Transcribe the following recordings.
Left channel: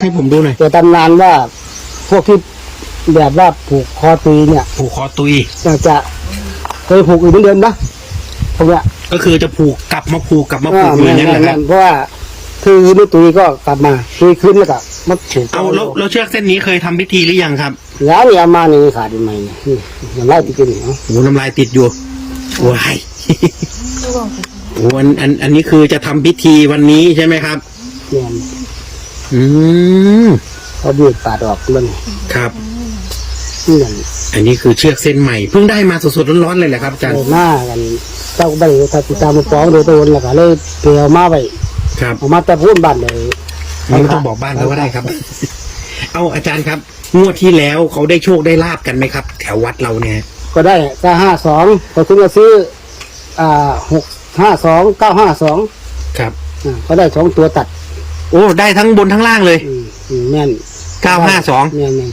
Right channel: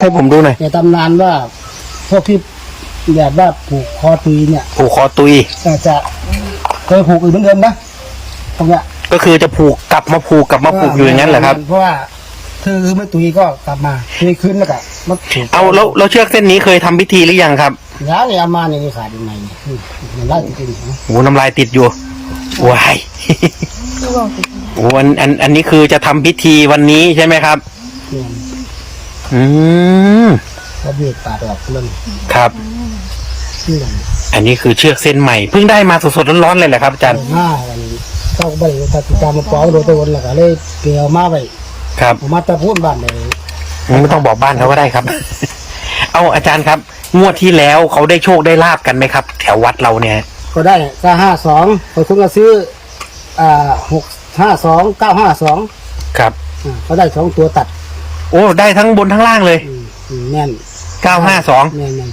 ให้ผมดูหน่อยแต่ตำนานว่าพวกที่แบบว่าผูกคอตีเนี่ยผูกคอตุยก็จะเคยผูกอีกเหมือนเดิมนะพวกเนี้ยก็คือจะผูกกลับมาผูกกลับมาผูกอยู่อย่างนั้นเหรอครับเพราะว่าที่ไม่ตุยก็กลับมาตุยขึ้นแล้วก็มาผูกเอาแล้วแล้วเชือกเส้นนี้เคยทำพิธีหรือยังครับแล้วนี่เอามานี่ขาดอีกไหมนี่มันไล่จริงๆเนาะโอ้น้ำลายติดอยู่วายโอ้อันอันอันนี้คือจะทำพิธีวันนี้ใช่ไหมครับเนี่ย อืมเขาบีบปาดออกมันครับนี่อย่างอันนี้คือเชือกเส้นใหม่เพิ่งได้มาสดๆร้อนๆเลยแหละครับอาจารย์หน้ากันเจ้าใบถ้าติดตามมาฟ้องโดยตัวแล้วก็เลยเปลี่ยวมาไปครับเอามาแต่พูดบ้านเลยไม่ต้องบอกบ้านเขาก็ได้ครับ เอาอาจารย์ครับ งวดที่แล้วเขาได้โชคได้ลาบกันไหมครับ แถววัดเราเนี่ย ก็ได้ก็ห้าสองพอคุณก็ซื้อ อ่าหกห้าสองเก้าห้าสองครับอ่าก็ได้สองตัวตัด โอ้ได้ทั้งบนทั้งล่างเลยอืมอืมแม่นเก้าห้าสองแม่นแม่น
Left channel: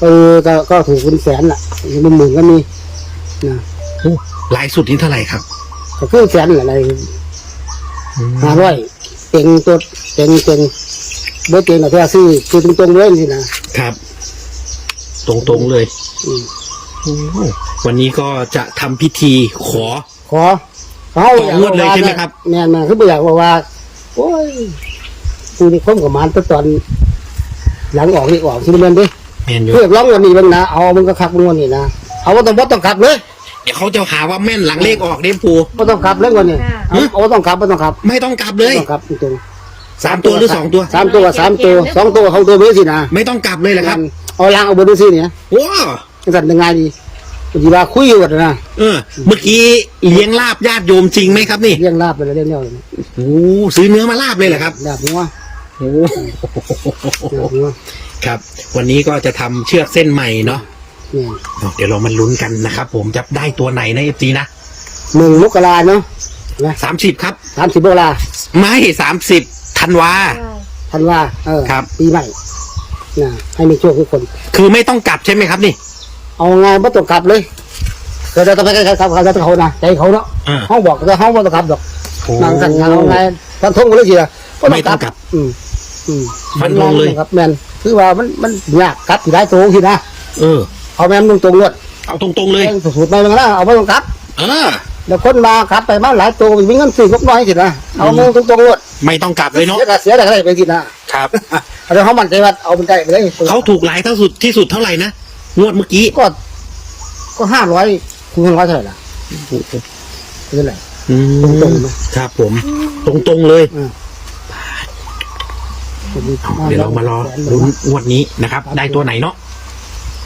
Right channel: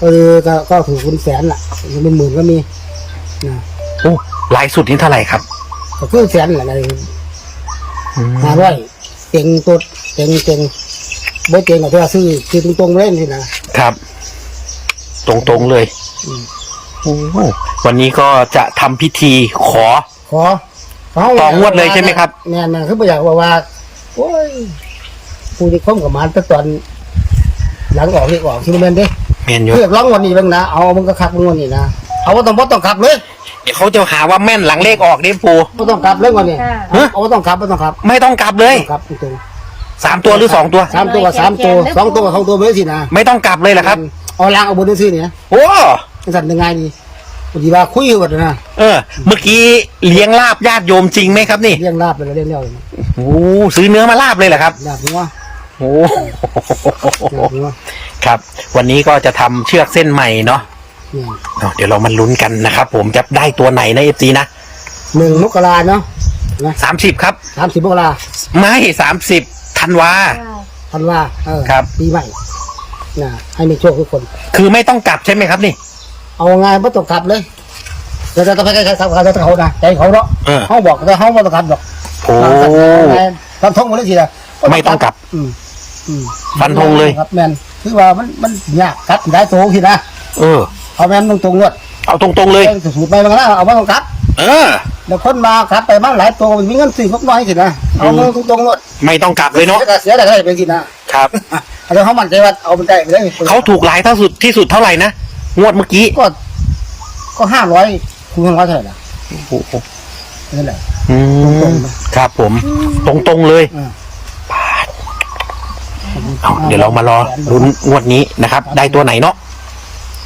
ก็ก็ก็ถูกคุณแสนล่ะเป็นหมื่นก็มีนะโอ้ลายสุดนี่เท่าไหร่ครับก็คือแสนอะไรห้าร้อยเต็งตัวเต็งเต็งบ่เต็งก็แค่ซื้อคือตรงๆเลยนี่นะครับ ตรงๆเลยอืมโอ้วันนี้ก็จะทำพิธีขอ ขอเขาต่องวดเลยใช่ไหมครับ แม่นๆคือบ่อยากว่าว่าโอ้ย ผู้ที่คมกับมันแต่ตอน หลังออกนี่ออกที่มันเล่นเด้เมนอยู่เรียกร้องวันนี้บ้างนะเอามึงก็ขับมึงวันนี้นะเอาว่าต้องบ่ต้องขับเลยเดี๋ยวเขาจะหาว่าแม่นหลังเลขออกนี่ปูบ่ต้องขับเลยวันนี้เอาว่าต้องขับบ่ต้องขับไม่ต้องกลับเลยต้องขับตรงสามตัวหรือสองตัว ๆสามตัวสามตัวสองตัวเขาตัวไม่ได้สินะไม่ต้องกลับเลยเหรอครับ เอาล้างเอาบนด้วยสิเนี่ยโอ้สั่นยังไงดีดีว่าคุยอยู่กันนะเออ เมื่อกี้เลี้ยงลาบญาติโยมจริงไหมครับนี่เลี้ยงลาบไปแล้วเลี้ยงเลี้ยวเลยนะโอ้ซื้อเนื้อมาลาบเลยเหรอครับลาบหัว โอ้ลาบหัวครับ วันนี้ก็จะทำเชือกเส้นใหม่เนาะเนี่ยเอาเดี๋ยวเรามาลุ้นกันนะครับ ผมจะได้ตัวไหนนะเอฟซีนะหนึ่งมกราเนาะนะสามสิบครับ สามสิบมกราไม่สามสิบธันวา ธันวาเออครับ ปีใหม่นะให้มีโชคทุกคน คือไม่ต้องกลับใช่ไหมครับนี่ เอาไงไม่ต้องขับเลยเราจะไปใครๆขับเขาจะเขานะใจเขาเนาะเออเขาบอกแต่เขาไม่ต้องขับหรอกโอ้ หลังจากนั้นเอาไงฟันธงมาเลยทีเดียวไม่ต้องกลับ อืม อืมฟันธงเลย ครับแมนคือว่ามันมันยากครับที่ได้โตทีนะเออ เอาแมนตรงตรงๆงวดเอาตรงๆเลย เองสูตรไปมันก็ได้เอาไม่ต้องขับเออเดี๋ยวคนมาขับไปมาหลายตัวมีเงินสี่งบน้อยทีนะเอาเงินตรงตรงๆงวดไม่ต้องกลับเลยเนาะเสียแต่เสียแต่ได้ไปทีนะครับเอาเดี๋ยวเขามั่นใจว่าเอาเป็นได้ไปเลยเขาถูกหลายเท่าสุดที่สุดเท่าไหร่นะงวดเมื่อกี้ก็ ก็ห้าร้อยคูณห้าร้อยเท่าไหร่ล่ะโอ้โหเป็นเท่าไหร่อืตรงมๆไหม ครับผม ตรงๆเลยอ่า เอาเดี๋ยวเรามารอลุ้นงวดนี้นะครับ ได้ตัวไหนเนาะ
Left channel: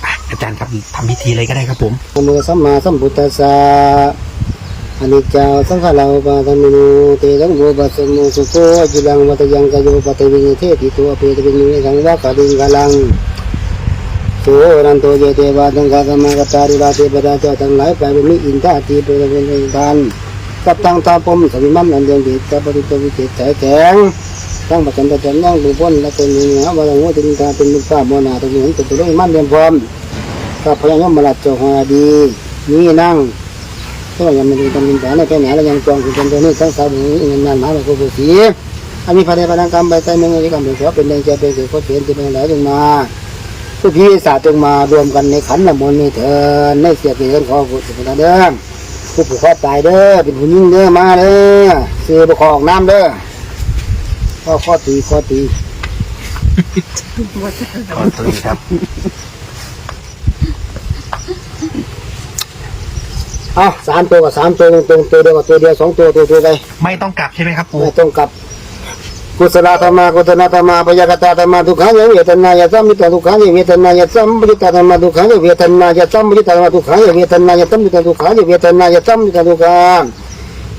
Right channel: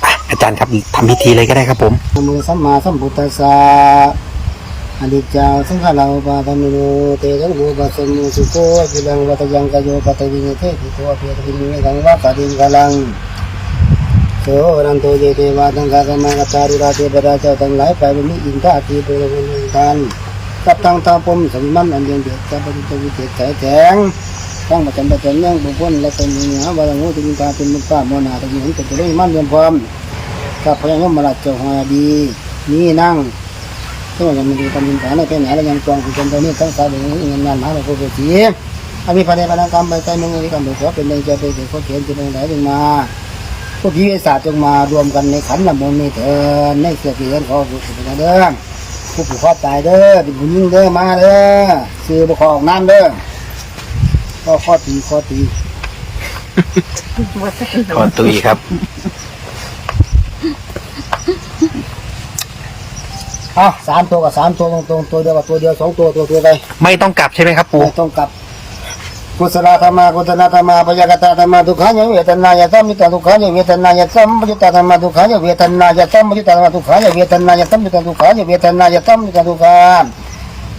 ไปอาจารย์ครับทำพิธีเลยก็ได้ครับผมนะโมสัมมาสัมพุทธัสสะอนิจจาสังขารอุปาทามิโนเตสังโฆปัสสโมสุโคจุลังวัตยังกโยปตวินิเทติตัวเปตวินิสังวะกดิงกลังโสนันโตเยเทวาตังกากมากตารุราเทปราเจ้าทั้งหลายไปเป็นมิอินทาตีเป็นเป็นทานกับทางตาพรหมสวิมันอันเดียนเดชกับปฏิตวิเศษแข็งแข็ง ทั้งปัจจันปัจจันยังบุพพนและเป็นมือหาวายังงูตินตาเป็นมุขฟ้าโมนาตะมีเห็นเป็นตัวเลขมันเรียนพร้อมกับพระยมมาลัดเจ้าหาดีนี่นั่งก็ยังม่ได้ทำเป็นผาในแค่ไหนแล้วยังจองคือเป็นตัวนี้ทั้งสายบุญเงินงานหมาแบบผู้สีอามีพระเดชพนางกรรมใบใจเมืองนี้กำลังขอเป็นแรงใจเป็นเด็กคนเขียนจะเป็นหลายจงมาทุกพิวิศาสตร์จงมารวมกันในขันละมนนี้เถินในเสียเกินขอผู้สิเป็นเด้อผู้ผูกคอตายเด้อเป็นผู้ยิ่งเด้อมาเด้อเสือบุคอออกน้ำเด้อ ข้อข้อตีข้อตีขอตุยครับ เอาสามตัวกับสามตัวตรงๆตัวเดียวกับตัวเดียวสองตัวตัวตัวไปไม่ต้องกลับใช่ไหมครับ ปู่ไม่ต้องกลับกุศลธรรมากุศลธรรมาปยากตาธรรมาทุกขันยเวทนายสัมมิตาทุกขันยเวทนายสัมมิตาธรรมาทุกขันยเวทนายสัมมิตาธรรมาทุกขันยเวทนายสัมมิตาทุกขันยเวทนายสัมมิตาทุกขันเยปากาธรรมานิปากาธรรมะธรรมาอุปาทินุปาทานิยธรรมานุปาทินุปาทานิอุปาทินุปาทานิมามอนุปาทินานุปาทานิยธรรมาสังเกตสังเกตสังเกตสังเกตสังเกตการกับตากตวิจารธรรมาวิตากวิจารมัตตธรรมาวิตากาวิจารมัตธรรมา Iti takadama tu takadama ubeka takadama tatiya tapadama bhavaniya tapadama bhavanayama tapadama neva tatayama bhavama tapadama bhavanahama tekatama neva tekana tekatama neva tekana tekatama vidavama katama apadana vinatama makimatama vidamama เมียนฉันตอนนี้มาทำมาตอนนี้ธรรมานีธรรมาคาลามานามาคาอิปุตารมาคาทิปฏิวั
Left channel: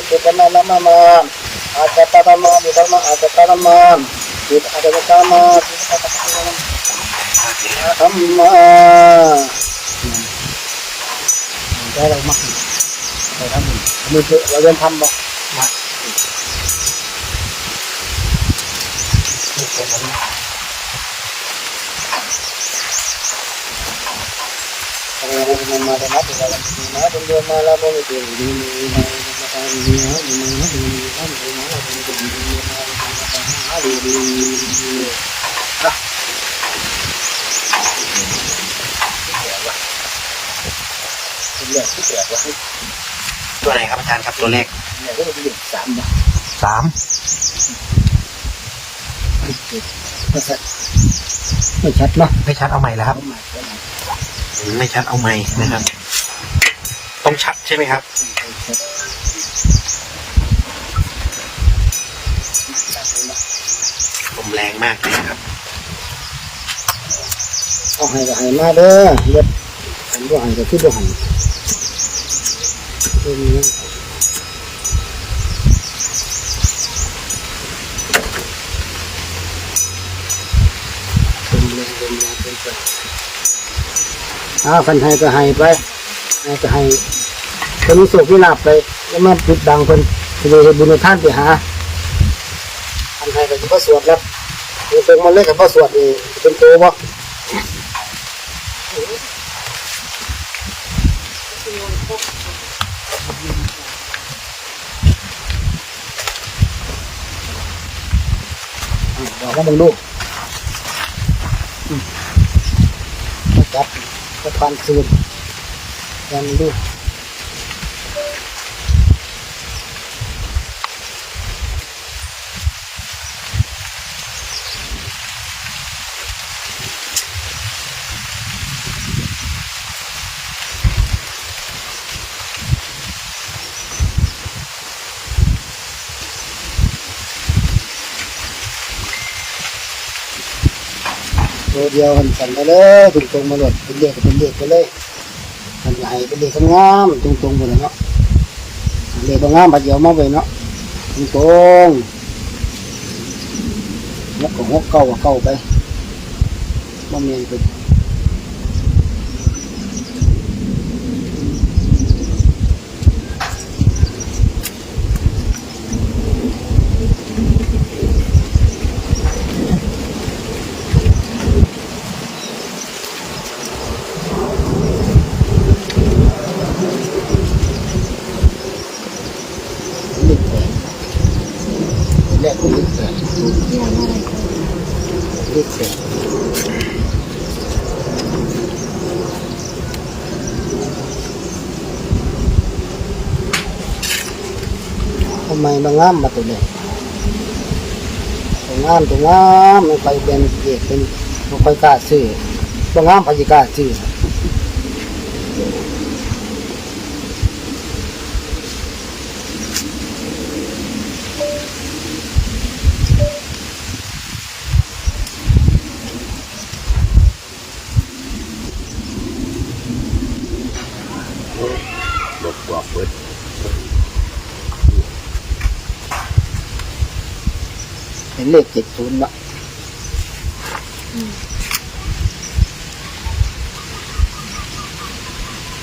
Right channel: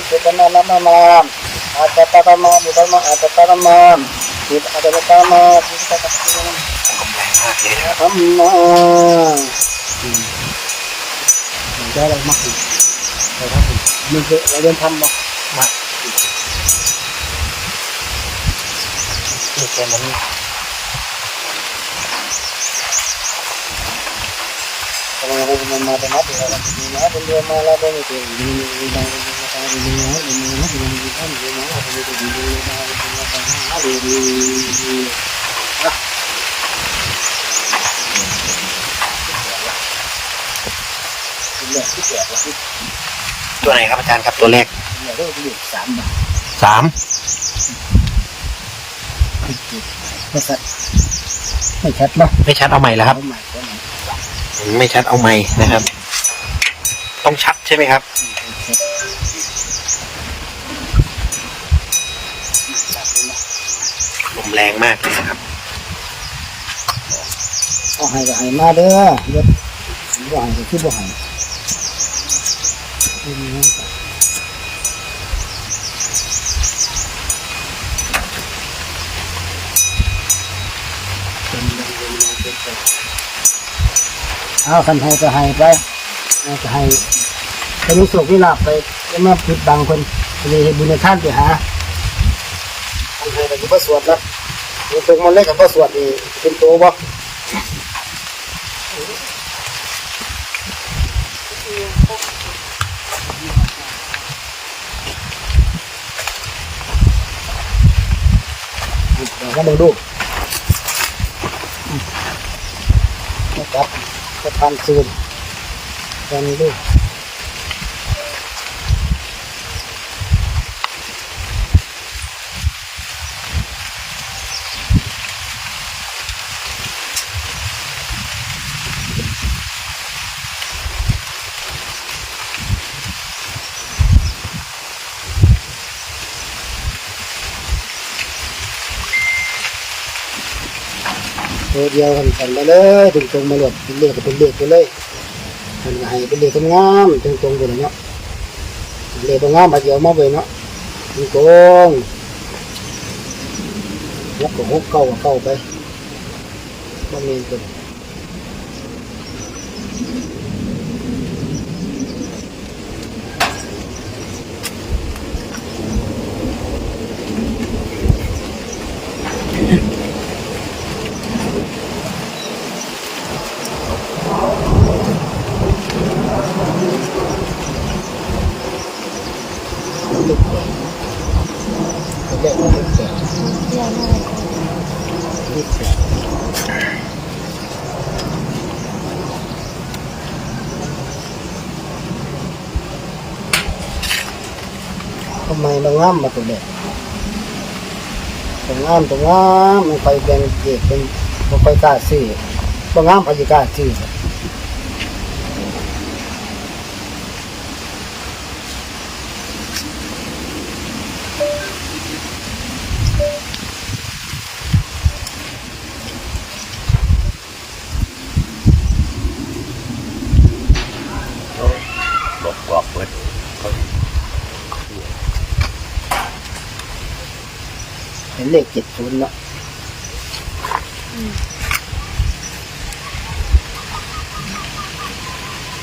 จจุปนาลามามาอาจตตธรรมาบุตรมาอาจตธรรมาบุตรอาจตธรร ไปทำบุญนี่คือเราเรียนทำบ่นี่แกนนี่ทำไมมันมาแต่มาแต่เราไม่ดีนะเป็นเรื่อมาแล้วไม่ได้ดีดีดีนะดีนะดีนะดีนะดีนะดีนะเราไม่ได้ดีดีนะดีนะดีดีดีนะเลือกที่เสียบว่าที่ ตัวไหนครับอาจารย์ครับตัวเลขเลือกที่เลือกสามบาทสามก็สัตไม่ชัดเนาะไม่ชัดเอาใหม่แล้วครับเขาหมายเขาหมายไม่ชัดเอาใหม่นะครับต้องชัดใช่ไหมครับชัดเลยนะแรงมากนะครับเอาให้ก็ให้มาเด้อเย็บผมบ่ให้ก็คือบ่ให้ เพิ่นนะครับเป็นเรื่องเป็นยาเป็นไปเอาคันให้ก็ให้ไปให้ก็ให้คนมีโศกมีลาบไปแล้วมาปิดบังคนไปเลยบุญทานไปหาคันให้ก็สิบ่สวดแล้วมันเป็นมันเล็กกับบ่สวดนี่เป็นโตบ่ บอกให้มึงดูอืมก็จับก็ทำคืนกันดู ตัวเดียวกันสั่นไปเลยตรงตรงมาหลดเป็นเลขก็เป็นเลือดไปเลยมันให้เป็นเลขงามตรงตรงไปเลยเนาะเลขบางงามบาดเดียวมาไปเนาะตรงตรงๆหกกับหกเก้ากับเก้าไปบ่เมียนเป็น เลขแปดเป็นเลขของเลขแปดเลขแปดทำไมบางงามมาตัวเลขตัวงามตัวงามมันไปเป็นเด็กเป็นมันไปกล้าซื้อบางงามไปกล้าซื้อ หลดกรอบเวิร์ด เป็นเลขเจ็ดศูนย์เนาะ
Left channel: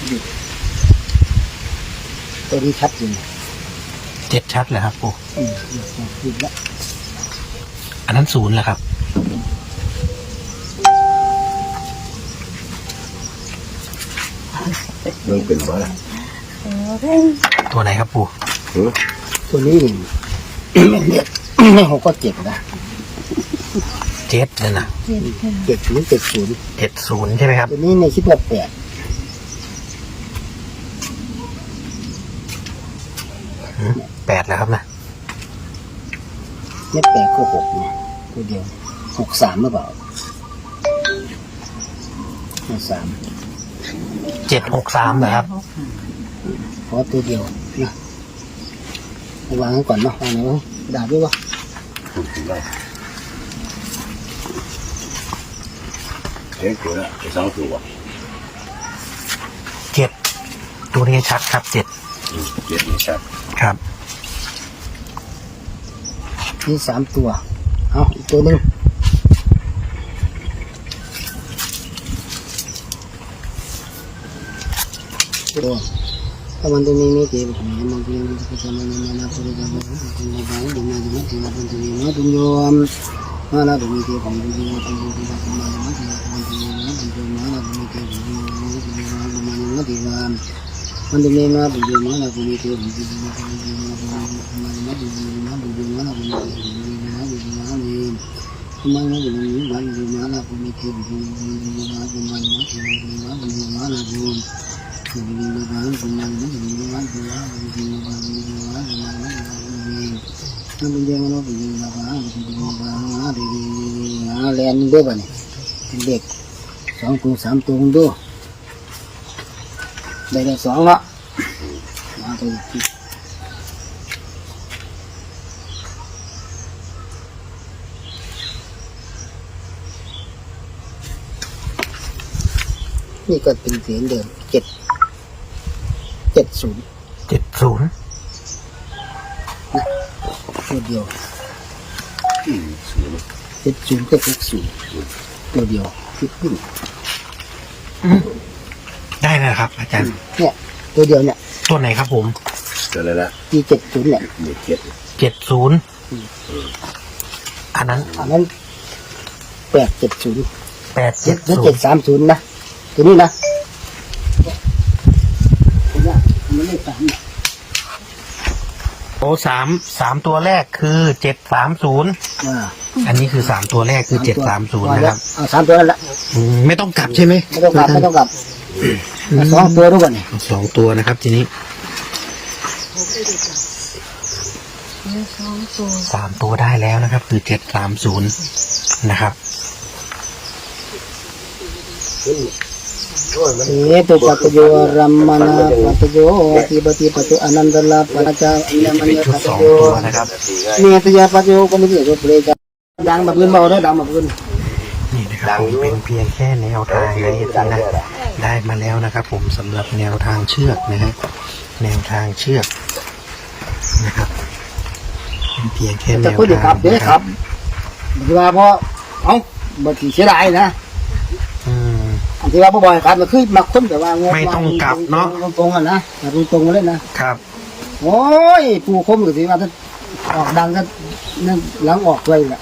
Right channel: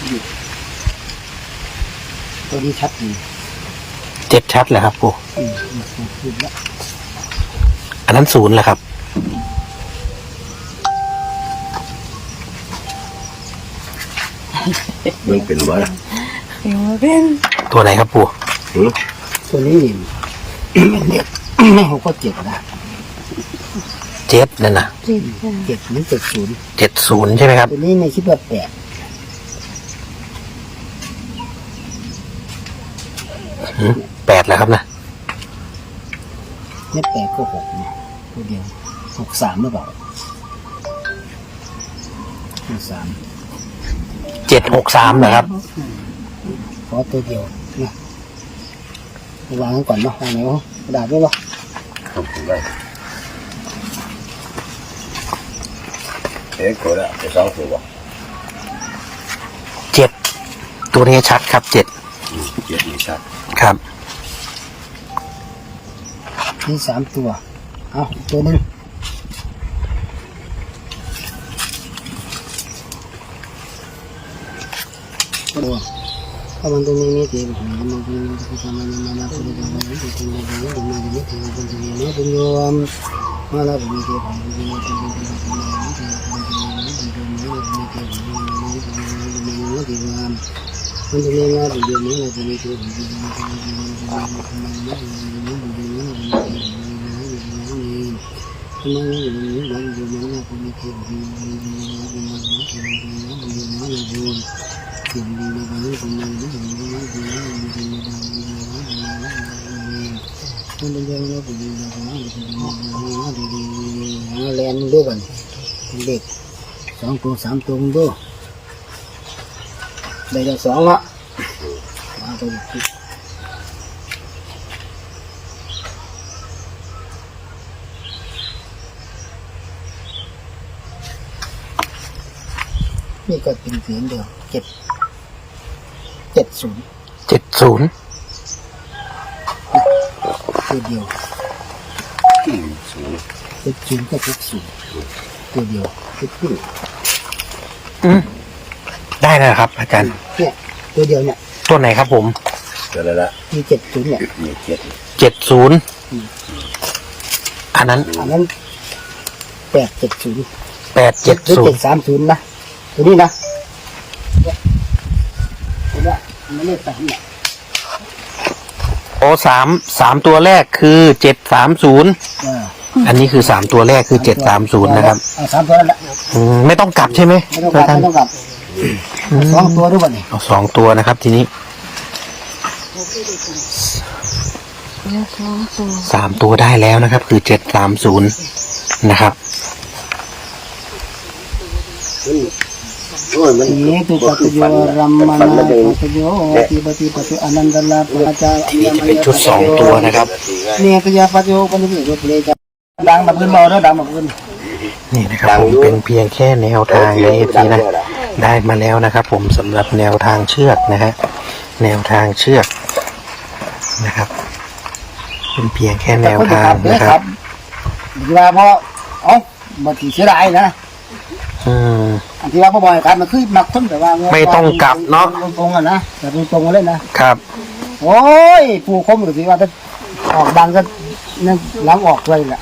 หยุดตัวนี้ชัดจริงเจ็ดชัดเลยครับปูอืมหยุดหยุดละอันนั้นศูนย์แหละครับมันเป็นว่าตัวไหนครับปูตัวนี้นี่ไม่เรียก ไม่หกก็เจ็ดนะเจ็ดนั่นนะเจ็ดศูนย์เจ็ดศูนย์เจ็ดศูนย์ใช่ไหมครับ ตัวนี้ในคิดว่าแปดหืมแปดแล้วครับนะไม่แปดก็หกนะตัวเดียวหกสามหรือเปล่าหกสามเจ็ดหกสามนะครับเพราะตัวเดียวนะเอาวางไว้ก่อนเนาะวางไหนวะกระดาษด้วยวะุกได้เอ๊ะตัวละสองตัวเจ็ดตัวนี้ชัดครับเจ็ดเจ็ดนี่ชัดครับนี่สามตัว เอาตัวหนึ่งตัว Kamantu nini tiap hari mungkin nanti sama mama pada bawa mungkin lebih di mana mana tiap kamantu nini tunjum mana bumi tiap hari mungkin nanti mungkin nanti mana mana tiap kamantu nini tunjum mana bumi tiap hari mungkin nanti mana bumi mana tiap kamantu nini mana tunjum mana bumi tiap hari mungkin nanti mana mana tunjum mana bumi tiap hari mungkin mana tunjum mana nih kemana bumi ini dan tunjum mana bumi tiap hari mungkin mana bumi mana tiap kamantu nini mana tunjum mana bumi แลนด้วยบ่นี่เป็นเด็กสองตัวสามตัวคุณดูได้จากสองละมาตัวอีกนี่ก็เป็นเสียงเดิมเจ็ด เจ็ดศูนย์เจ็ดศูนย์ตัวเดียวอืมศูนย์เจ็ดศูนย์ก็เจ็ดศูนย์ตัวเดียวคิดขึ้นได้แล้วครับ อาจารย์ เนี่ย ตัวเดียวเนี่ยตัวไหนครับผมตัวละละที่เจ็ดศูนย์เนี่ยนี่เจ็ดเจ็ดศูนย์อันนั้น อันนั้นแปดเจ็ดศูนย์แปดเจ็เจ็ดดหรือศูเจ็นดย์สามศูนย์นะตัวนี้นะเนี่ยเห็นไห มีเลขสามเนี่ยโอ้สามสามตัวแรกคือเจ็ดสามศูนย์อ่าอันนี้คือสามตัวแรกคือเจ็ดสามศูนย์นะครับอ่าสามตัวและอืมไม่ต้องกลับใช่ไหมไม่ต้องกลับไม่ต้องกลับสองตัวรู้ป่ะเนี่ยเอาสองตัวนะครับทีนี้สามตัวได้แล้วนะครับ คือเจ็ดสามศูนย์นะครับเอตุปัตโยรัม हेतु पतजो रमना पतजो तिबति पतु अनंद लाभ पनचा अन्य पतजो नेत या पतजो को नहीं जो प्ले जा ดังแบบขึ้นเบาด้วยดังแบบขึ้นนี่นะครับผมเป็นเพียงแค่แนวทางในเอฟซีนะได้มาแล้วนะครับ ผมสำหรับแนวทางเชือกนะฮะแนวทางเชือกนะครับ เป็นเพียงแค่แนวทางนะครับว่าเพราะเอ้าบางทีเสียดายนะ อืม อันที่ว่าบ่อยครับมันคือมาค้นแต่ว่าไม่ต้องกลับเนาะ ตรงๆอะนะแต่ตรงๆเลยนะครับ โอ้ยผู้คมหรือสิว่าถ้าออกดังก็นั่นหลังออกเลยแหละ